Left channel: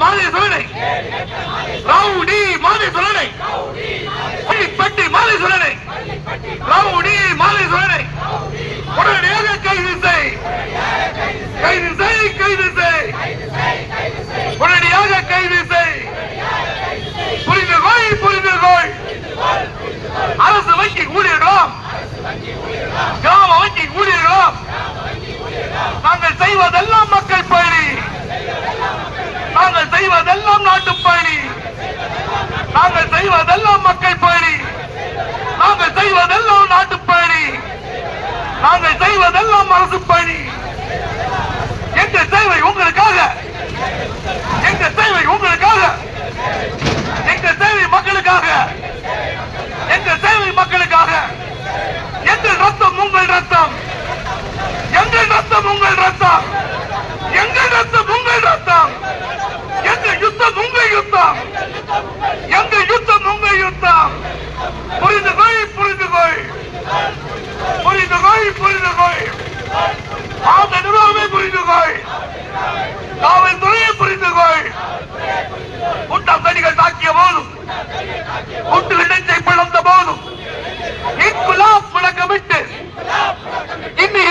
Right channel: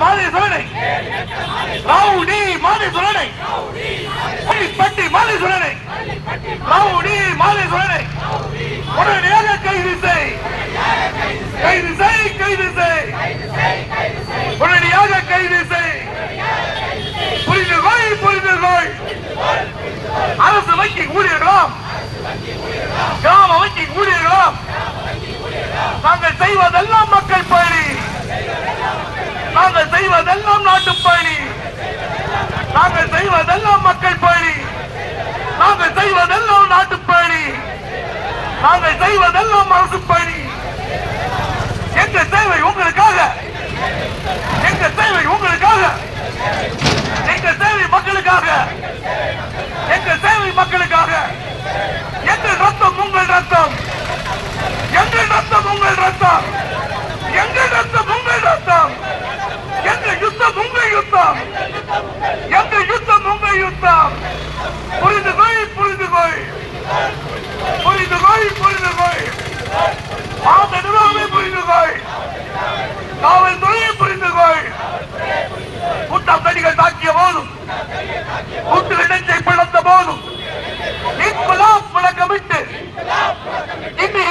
மாலை சோழனை ரவுடி மாலை சோழனை பட்டி மாலை சோழனை ரவுடி மாலை சோழனை உடனடியாக கைது செய் கைது செய் கைது செய் உடனடியாக கைது செய் புரிந்து கொள் புரிந்து கொள் அரசு வங்கி ஊழியர்களும் கிராம வங்கி ஊழியர்களும் நாங்கள் செய்வதெல்லாம் மக்கள் பணி நாங்கள் செய்வதெல்லாம் நாட்டு பணி நாங்கள் செய்வதெல்லாம் மக்கள் பணி நாங்கள் செய்வதெல்லாம் நாட்டு பணி நாங்கள் செய்வதெல்லாம் அரசு பணி எங்கள் சேவை உங்களுக்காக எங்கள் சேவை உங்களுக்காக எங்கள் சேவை மக்களுக்காக எங்கள் சேவை மக்களுக்காக எங்கள் ரத்தம் உங்கள் ரத்தம் எங்கள் ரத்தம் உங்கள் ரத்தம் எங்கள் ரத்தம் உங்கள் ரத்தம் எங்கள் யுத்தம் உங்கள் யுத்தம் எங்கள் யுத்தம் உங்கள் யுத்தம் புரிந்து கொள் புரிந்து கொள் புரிந்து கொள் புரிந்து கொள் அந்த நிர்வாகமே புரிந்து கொள் காவல்துறையை புரிந்து கொள் கூட்டம் தடிகள் தாக்கிய போதும் கூட்டு இணைச்சை பிளந்த போதும் இன்குலாப் முழக்கமிட்டு இன்னும்